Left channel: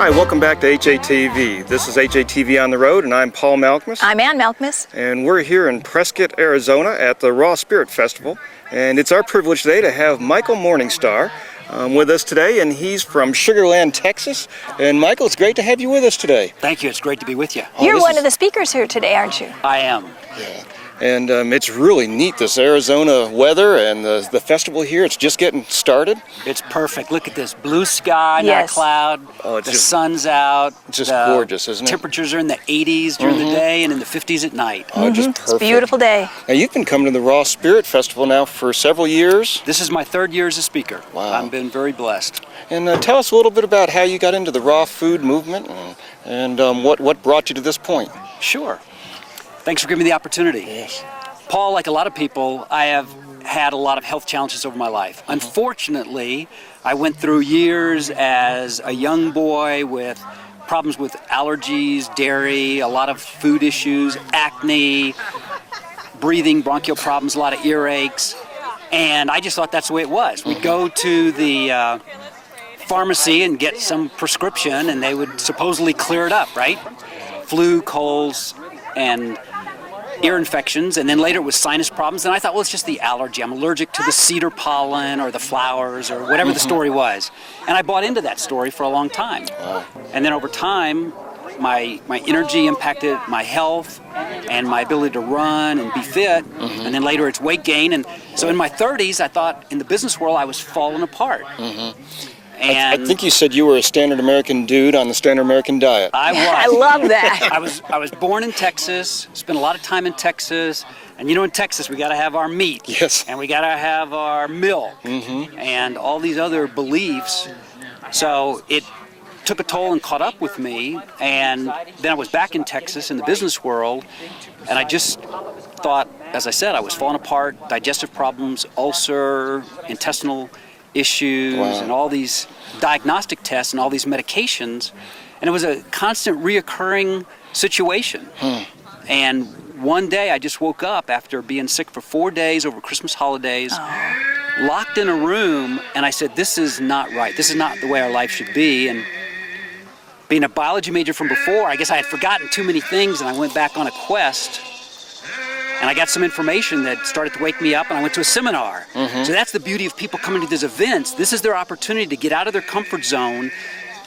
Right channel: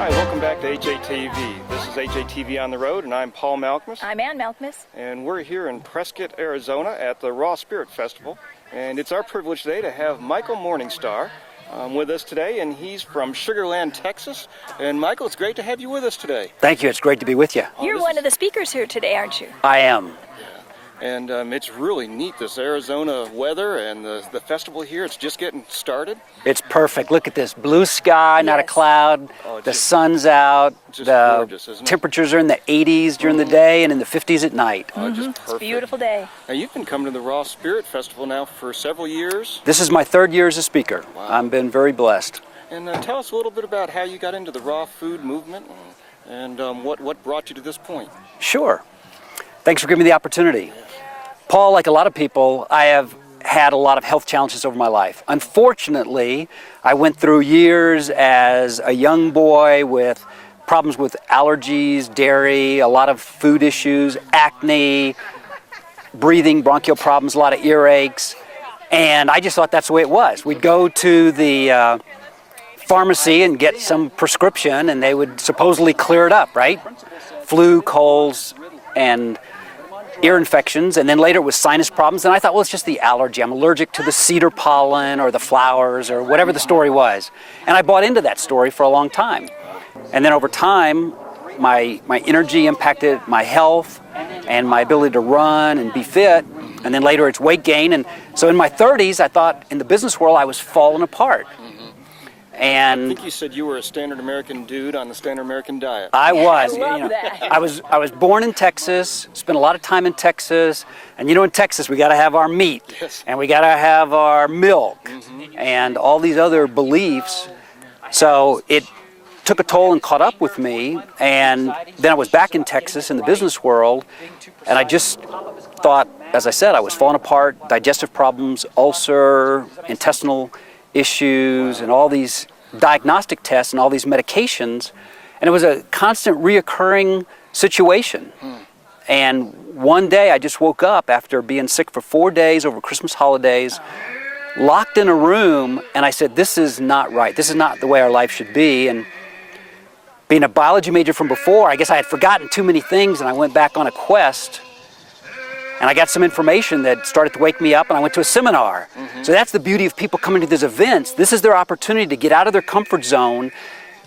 Hi, welcome back to HATV. This is HATV on the Road, and I'm Paul Malkmus. I'm Ann Malkmus. And we're here in Prescott, Arizona at the Raw Spirit Festival. And it's our privilege today to have Michael Morningstar with us today, and he's from Sugar Land, Texas. And Michael, it's great to have you with us today. Thank you. It's great to be with you. You're one of the speakers here today, aren't you? I am. Yeah. And it's really neat, this Arizona weather and the festival here. It's just getting started. It's perfect. Look at this blue sky, not a cloud. Oh, the sun's out. It's just gorgeous, isn't it? Temperatures are in the 80s during the day and in the 50s at night. Oh, just perfect. It's a beautiful day. Now, you've been coming to the Raw Spirit Festival now for several years. This is my third year as a speaker. Wow. I've been very blessed. And tell us a little bit about how you got into the raw food movement and what brought you to this point. Sure. Thanks for giving me the opportunity. Yes. Paul, like a lot of people, I have had a lot of health challenges over my life. Unfortunately, I went through years as a young boy with problems with allergies, dairy, a lot of food issues, acne, breathing, bronchial problems, a lot of earaches. And I just thought that's the way it was. We'd go to the pharmacy and get some prescription, and they would supposedly clear it up, right? Flu, colds, and ear infections, and then later it was sinus problems, and I thought, well, it's just the allergy. I'm allergic to the cedar pollen or the flowers or whatever the story was. And I bought into that story for a long time. And then over time, my energy impacted my health and my ability to run and be fit, and then later it's weight gain. And so in my 30s, I thought in the business world I was falling apart. And I think you said you were a standard American dude on the standard American diet. I was. I love that. I was born in Texas, spent a lot of time in Texas, and you know, in Texas we got to have our meat, Yes. and we got to have our milk, and all these other beliefs. So it took a toll and caught up with me, and then I was back in Texas in the business world, and I just thought, as I said, I was falling apart, digestive problems, ulcer, intestinal issues, and all these diagnostic tests and all these medications, and it was a constant reoccurring situation. And one day I just woke up after being sick for 4 days over Christmas holidays, locked in a room, and I said, this is not right. This is not the way our life should be. And being a biology major from before, I guess I had forgotten too many things, and I went back on a quest. And I got some information that started to wake me up, and I went to a seminar. So that's the beauty of people coming to these events. This is their opportunity to get out of their comfort zone,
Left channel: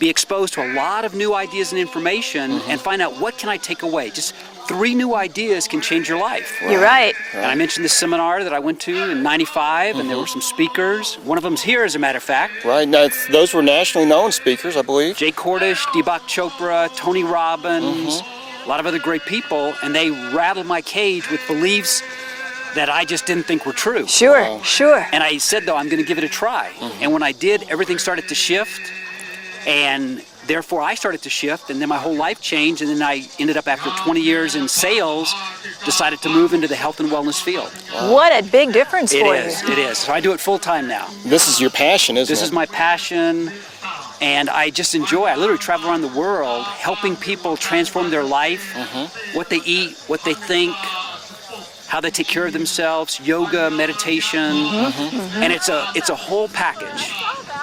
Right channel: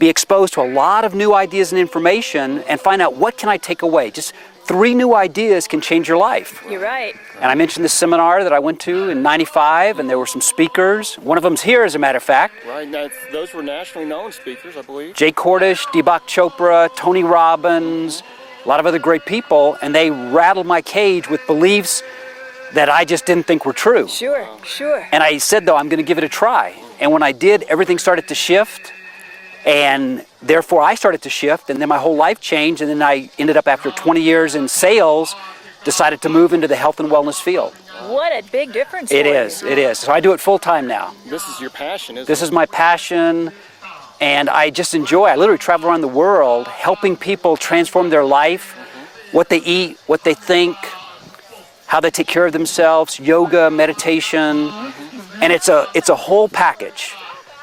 be exposed to a lot of new ideas and information, and find out, what can I take away? Just 3 new ideas can change your life. You're right. And I mentioned this seminar that I went to in '95, and there were some speakers. One of them's here, as a matter of fact. Right, now, those were nationally known speakers, I believe. Jay Cordish, Deepak Chopra, Tony Robbins, a lot of other great people, and they rattled my cage with beliefs that I just didn't think were true. Sure, sure. And I said, though, I'm going to give it a try. And when I did, everything started to shift, and therefore I started to shift, and then my whole life changed, and then I ended up, after 20 years in sales, decided to move into the health and wellness field. What a big difference for you. It is. So I do it full time now. This is your passion, isn't it? This is my passion. And I just enjoy, I literally travel around the world helping people transform their life, what they eat, what they think, how they take care of themselves, yoga, meditation, and it's a whole package.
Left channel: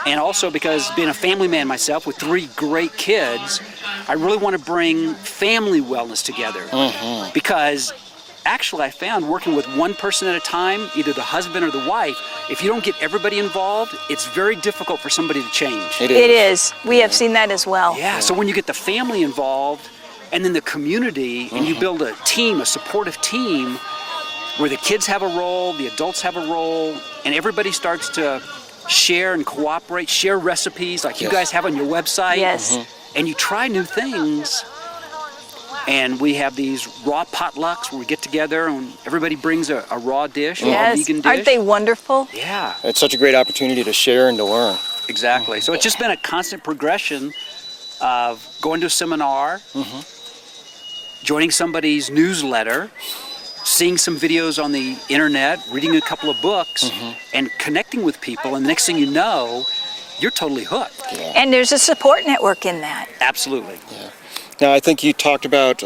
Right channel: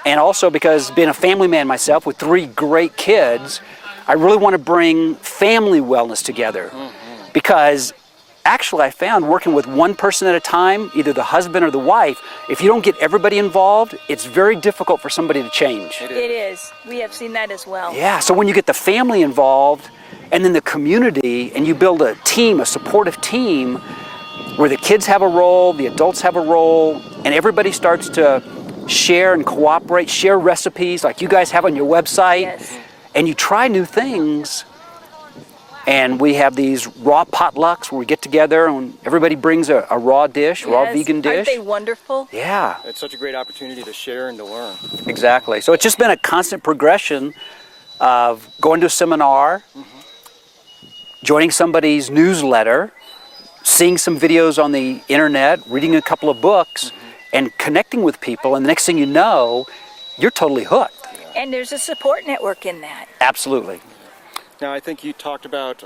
And also, because being a family man myself with 3 great kids, I really want to bring family wellness together. Because actually I found, working with one person at a time, either the husband or the wife, if you don't get everybody involved, it's very difficult for somebody to change. It is. We have seen that as well. Yeah, so when you get the family involved, and then the community, and you build a team, a supportive team, where the kids have a role, the adults have a role, and everybody starts to share and cooperate, share recipes like you guys have on your website, and you try new things. And we have these raw potlucks where we get together and everybody brings a raw dish, a raw vegan dish. Aren't they wonderful? Yeah. It's such a great opportunity to share and to learn. Exactly. So it's just been a constant progression of going to a seminar, joining somebody's newsletter, seeing some videos on the internet, reading a couple of books, and connecting with people. And the next thing you know, you're totally hooked. Yeah. And there's a support network in that. Absolutely. Yeah. Now, I think you talked about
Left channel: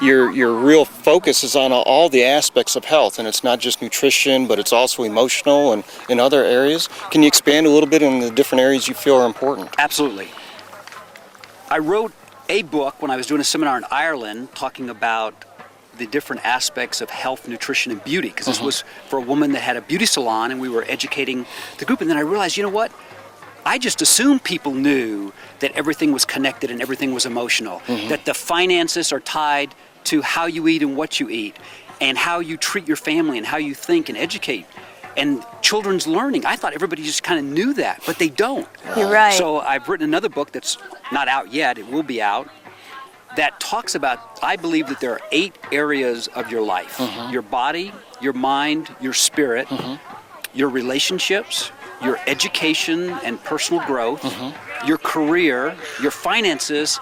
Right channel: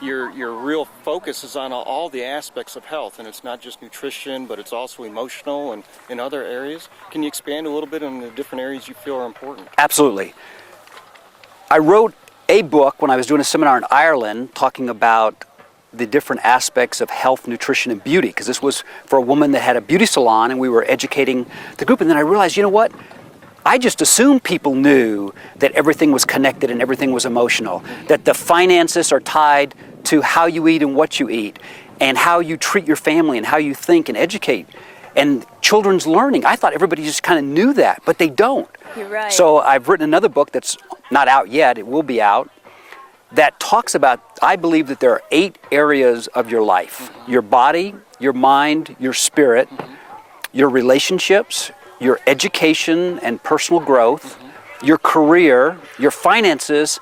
your real focus is on all the aspects of health, and it's not just nutrition, but it's also emotional and in other areas. Can you expand a little bit on the different areas you feel are important? Absolutely. I wrote a book when I was doing a seminar in Ireland talking about the different aspects of health, nutrition, and beauty, because this was for a woman that had a beauty salon, and we were educating the group. And then I realized, you know what? I just assumed people knew that everything was connected and everything was emotional, that the finances are tied to how you eat and what you eat, and how you treat your family and how you think and educate. And children's learning, I thought everybody just kind of knew that, but they don't. You're right. So I've written another book that's not out yet, it will be out, that talks about, I believe that there are 8 areas of your life. Your body, your mind, your spirit, your relationships, your education and personal growth, your career, your finances,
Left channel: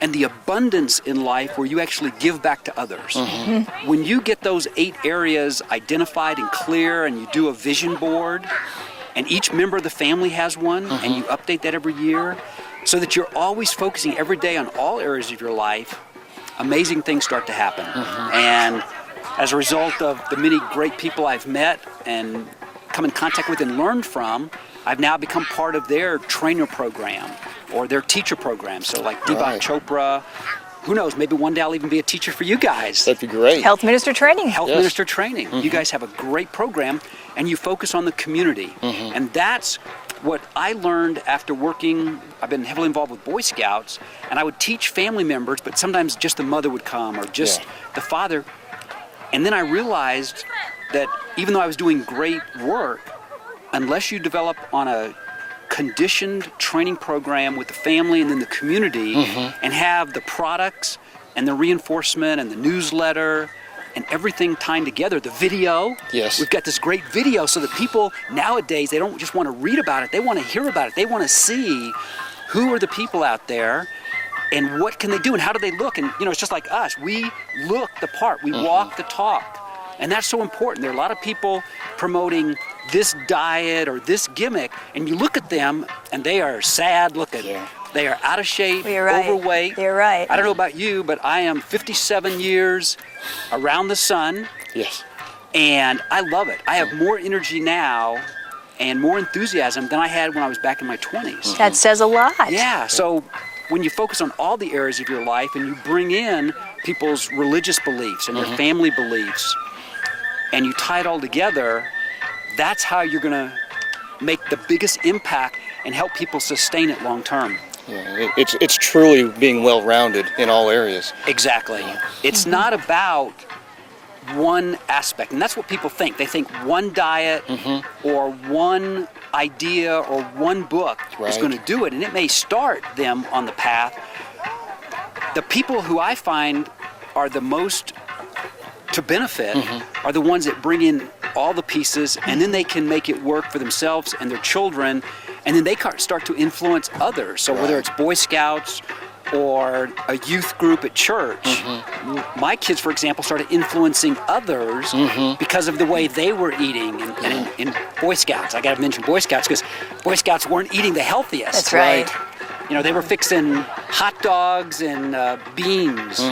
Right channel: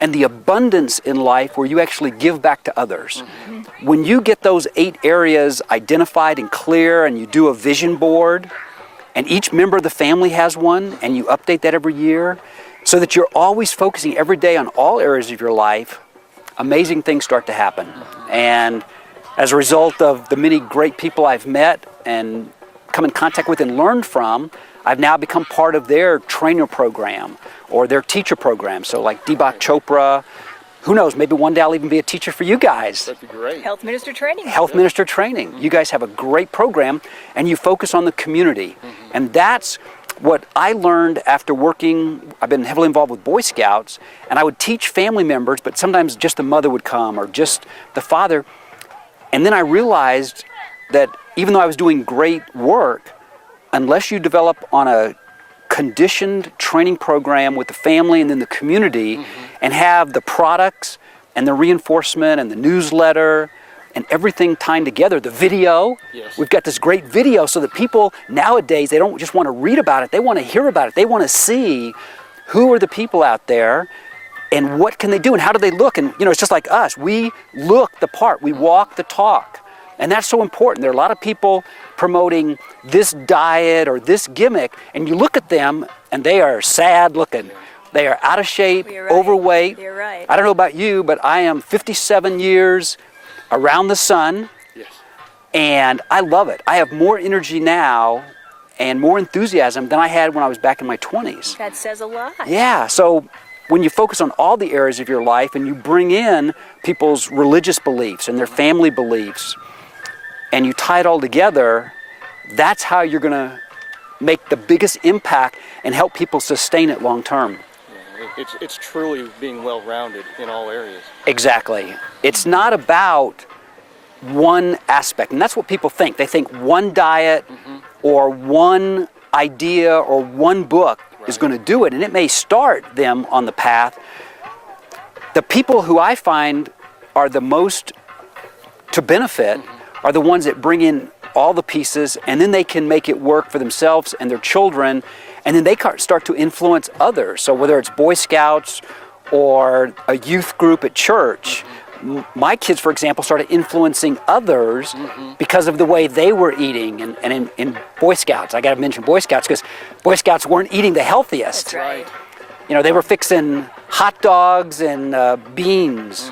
and the abundance in life where you actually give back to others. When you get those 8 areas identified and clear, and you do a vision board, and each member of the family has one, and you update that every year, so that you're always focusing every day on all areas of your life, amazing things start to happen. And as a result of the many great people I've met and come in contact with and learned from, I've now become part of their trainer program or their teacher program. So like Deepak Chopra, who knows, maybe one day I'll even be a teacher for you guys. That'd be great. Health Minister Training. Health Minister Training. You guys have a great program, and you focus on the community. And that's what I learned after working. I've been heavily involved with Boy Scouts, and I would teach family members, but sometimes just the mother would come or just the father. And then I realized that even though I was doing great work, unless you develop on a conditioned training program with the family and then the community, and have the products and the reinforcement and the newsletter and everything tied together, the video. We've got this great video so that people nowadays, they don't just want to read about it, they want to hear about it. They want to see who are the people out there and what can they do and how do they look. And it's just like us. We look the part. We walk the talk. And that's so important. There are a lot of people promoting this diet or this gimmick, and you look at them and they are sad looking. They are out of shape, overweight. You're right. I don't know about you, but I am 57 years around the sun. And I love it. I have more energy now and more enthusiasm than I had when I was back in my 20s. That says a lot. Yeah, so when you focus on all the areas of your life and you bring in people's religious beliefs and their family beliefs, and you tie it all together, that's how you're going to make the biggest impact and help people sustain it long term. It's truly being well-rounded in all areas. Exactly. It's not about one aspect, and that's what people think. They think one diet or one idea or one book is going to do it, and it may start them on the path. The people who I find are the most to benefit are the ones that bring in all the pieces, and then they can make it work for themselves and their children, and then they start to influence others. So whether it's Boy Scouts or a youth group at church, my kids, for example, started influencing others because of the way they were eating. And in Boy Scouts, I got to mention Boy Scouts because Boy Scouts weren't eating the healthiest. That's right. They were fixing hot dogs and beans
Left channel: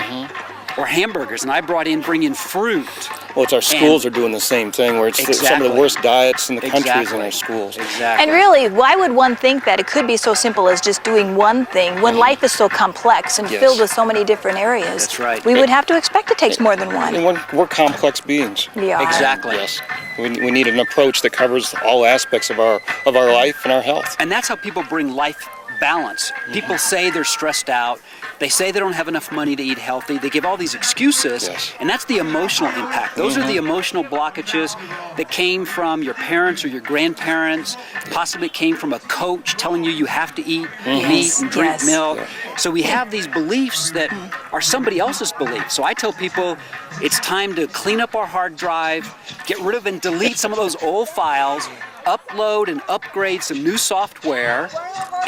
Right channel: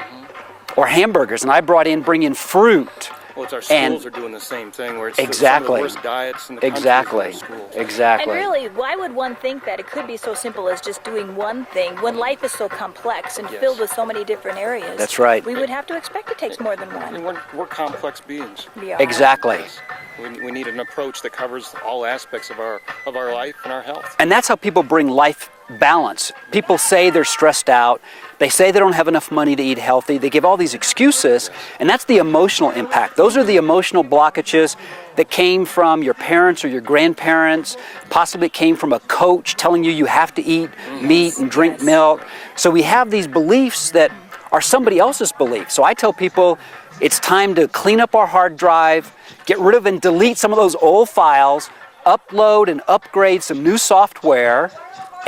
or hamburgers, and I bring in fruit. Well, it's our schools are doing the same thing, where it's some of the worst diets in the countries in our schools. And really, why would one think that it could be so simple as just doing one thing when life is so complex and filled with so many different areas? That's right. We would have to expect it takes more than one. And we're complex beings. We are. Exactly. Yes. We need an approach that covers all aspects of our life and our health. And that's how people bring life balance. People say they're stressed out. They say they don't have enough money to eat healthy. They give all these excuses, and that's the emotional impact. Those are the emotional blockages that came from your parents or your grandparents. Possibly it came from a coach telling you have to eat meat and drink milk. So we have these beliefs that are somebody else's beliefs. So I tell people it's time to clean up our hard drive, get rid of and delete some of those old files, upload and upgrade some new software,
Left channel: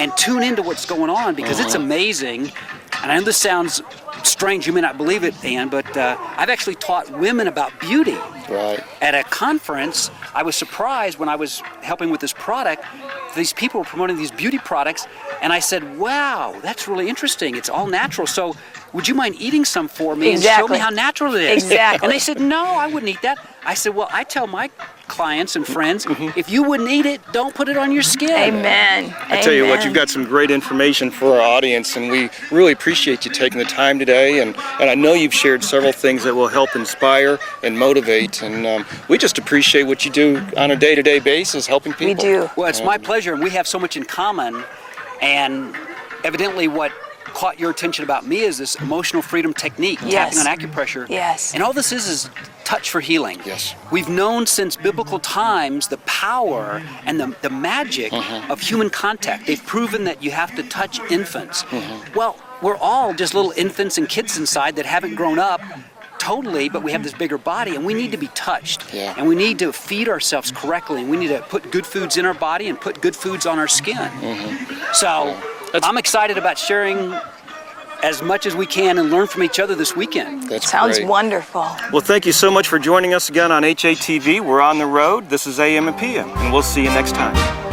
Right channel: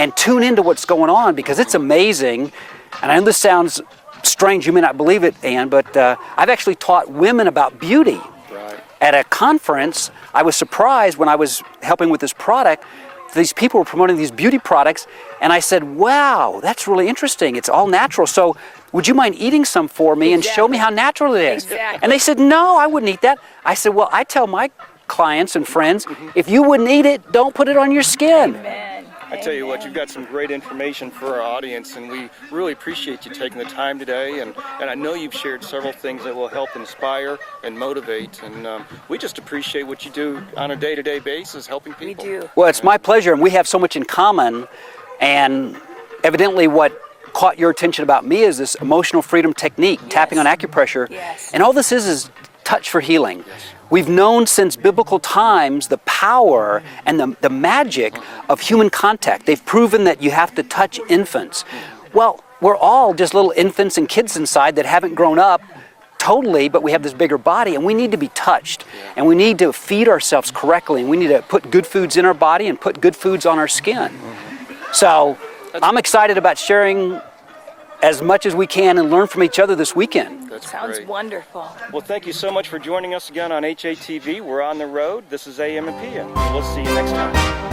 and tune into what's going on, because it's amazing. And I know this sounds strange, you may not believe it, Ann, but I've actually taught women about beauty. At a conference, I was surprised when I was helping with this product. These people were promoting these beauty products, and I said, wow, that's really interesting. It's all natural. So would you mind eating some for me and show me how natural it is? And they said, no, I wouldn't eat that. I said, well, I tell my clients and friends, if you wouldn't eat it, don't put it on your skin. Amen. I tell you what, Amen. you've got some great information for our audience, and we really appreciate you taking the time today. And I know you've shared several things that will help inspire and motivate, and we just appreciate what you do on a day-to-day basis, helping people. We do. Well, it's my pleasure, and we have so much in common. And evidently, what caught your attention about me is this emotional freedom technique, Yes. tapping on acupressure. Yes. And all this is touch for healing. Yes. We've known since biblical times the power and the magic of human contact. They've proven that you have to touch infants. Well, we're all just little infants and kids inside that haven't grown up totally, but we have this bigger body, and we need to be touched. Yeah. And we need to feed ourselves correctly, and we need to put good foods in our body and put good foods on our skin. So I'm excited about sharing as much as we can and learn from each other this weekend. That's Sounds great. wonderful. Well, thank you so much for joining us again on HATV. We're on the road. This is AM and PM, and we'll see you next time.